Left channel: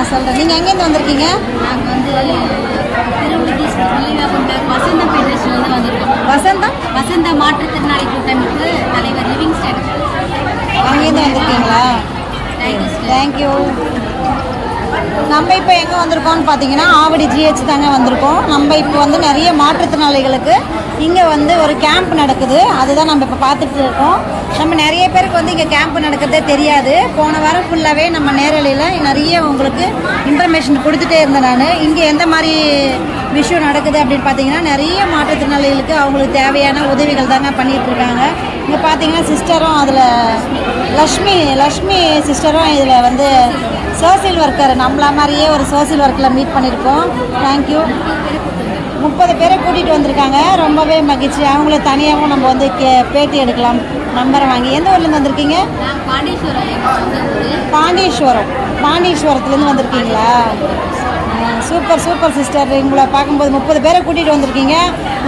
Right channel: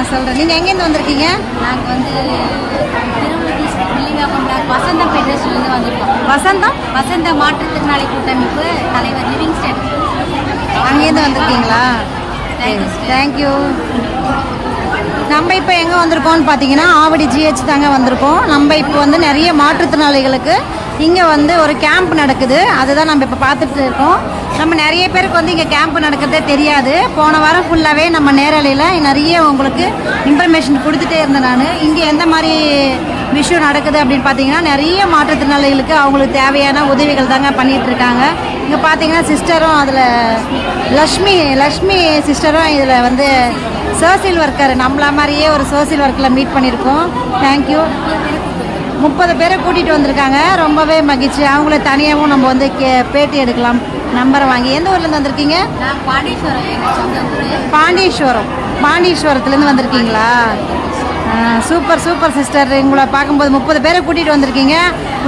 நான் சொல்கிறேன் நீங்கள் எங்கேருந்து வந்திருக்கீங்க? நாங்கள் வந்து திருவள்ளூர் வெளிநாகம் வசந்த பிரதேசிலேருந்து வந்திருக்கோம். வசந்தம் வசந்த மாற்றுத்திறனாளி கூட்டமைப்பு தலைவர் லிவிங்ஸ்டன் அங்கேருந்து வந்திருக்கீங்களா. தேங்க்யூ நம்ம இப்போ எங்கே வந்திருக்கோம்னு பார்த்தீங்கன்னா ஆவடி ஜிஹெச் தாங்க வந்திருக்கோம். நம்ம இப்போ வந்து நிறைய மாற்றுத்திறனாளிகளுக்கு இங்கே வந்து ஒரு கேம்ப் நடக்குது. அதுதான் நம்ம இப்போ பார்த்துட்டு இருக்கோம். நம்ம நிறைய பேருக்கு வந்து இங்கே கேம்ப் நடக்கிறதே தெரியாது. போன வாரம் ஃபுல்லாகவே நம்ம நேரலையில் நிறைய உங்களுக்கு இன்ஃபர்மேஷன் கொடுத்துட்டே இருந்தேன் நான். இங்கே எந்த மாதிரி விஷயம் நடக்குது அப்படின்னு பார்த்தீங்கன்னா நிறைய மாற்றுத்திறனாளிகளுக்கு அவங்களுக்கு தேவையான உதவிகள் தாங்க பண்ணிகிட்டு இருக்காங்க. இங்கே பார்த்தீங்கன்னா சிஸ்டரும் அதில் லக்ஷ்மி லக்ஷ்மி சிஸ்டரும் இதில் வந்து சோசியல் ஒர்க்கர் நம்மள மாதிரியே ஒரு சோசியல் ஒர்க்கில் மீட் பண்ணியிருக்கோம். தேங்க்யூ முப்பது பேரை கூட்டிகிட்டு வந்திருக்காங்க. ரொம்பவே மகிழ்ச்சி. அவங்கள தனியாகவும் நம்ம வந்து கே பேட்டி எடுக்கலாம். நம்பரை வாங்கி. எந்த ஊர்லேருந்து வந்திருக்கீங்க? பாண்டீஸ்வரம் பாண்டீஸ்வரம் பாண்டீஸ்வரத்துலேருந்து வந்திருக்கீங்களா? Super super sister. உங்களை பார்க்கும்போது முப்பது பேரை கூட்டிகிட்டு வந்திருக்கீங்க.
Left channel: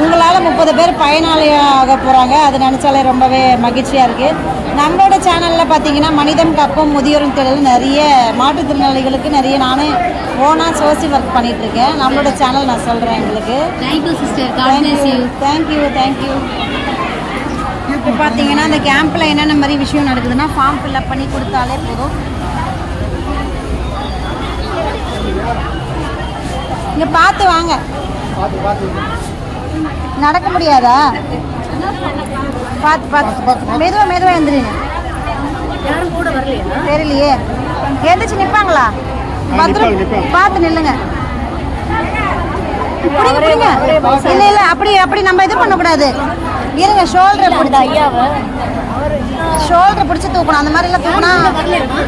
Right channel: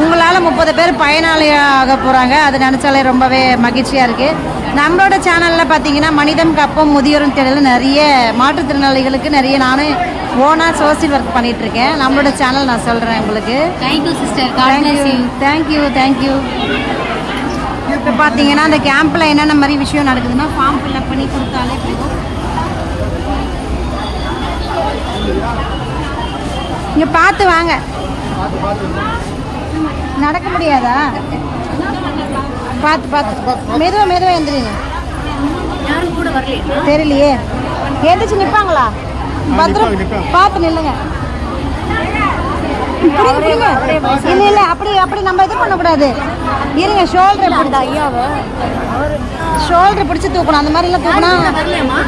உங்களால் முப்பது பேர் பயனாளியாக போகிறாங்க அது நினச்சாலே ரொம்பவே மகிழ்ச்சியாக இருக்குது நம்மளோட சேனலில் பார்த்தீங்கன்னா மனிதம் கப்பம் முதியோரும் தேடல் நிறைய மாற்றுத்திறனாளிகளுக்கு நிறைய நானும் ஓனாக சோசியல் ஒர்க் பண்ணிட்டு இருக்கேன் நம்மளோட சேனல் நான் சொல்கிறேன் உங்களுக்கு. Thank you sister thank you thank you thank you இப்போ பார்த்தீங்கன்னா அந்த கேம்பில் என்னென்ன மாதிரி விஷயம் நடக்குதுன்னா ஃபார்ம் ஃபில்அப் பண்ணி கொடுத்தாலே போதும். இங்கே பார்த்து வாங்க. நடக்க முடியாதா? பார்த்து பார்த்து மெதுவாக மெதுவாக எழுந்துருங்க யாரும் கூட வரலையா? தெரியலையே. எந்திரிச்சு நிற்பாங்களா பத்திரம் பார்த்து நில்லுங்க. இல்ல இல்ல அப்படி அப்படி நம்ம இது பண்ணக்கூடாது. இருங்க ஷோல்டரை பிடிச்சி. ஷோல்டரை பிடிச்சி தூக்கணும். அந்த மாதிரி எல்லாம் தூக்கினா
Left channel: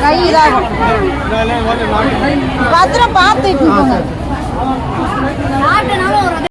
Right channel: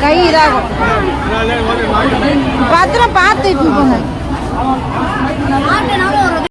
கை இதாகும். பத்திரம் பார்த்து 在哪里？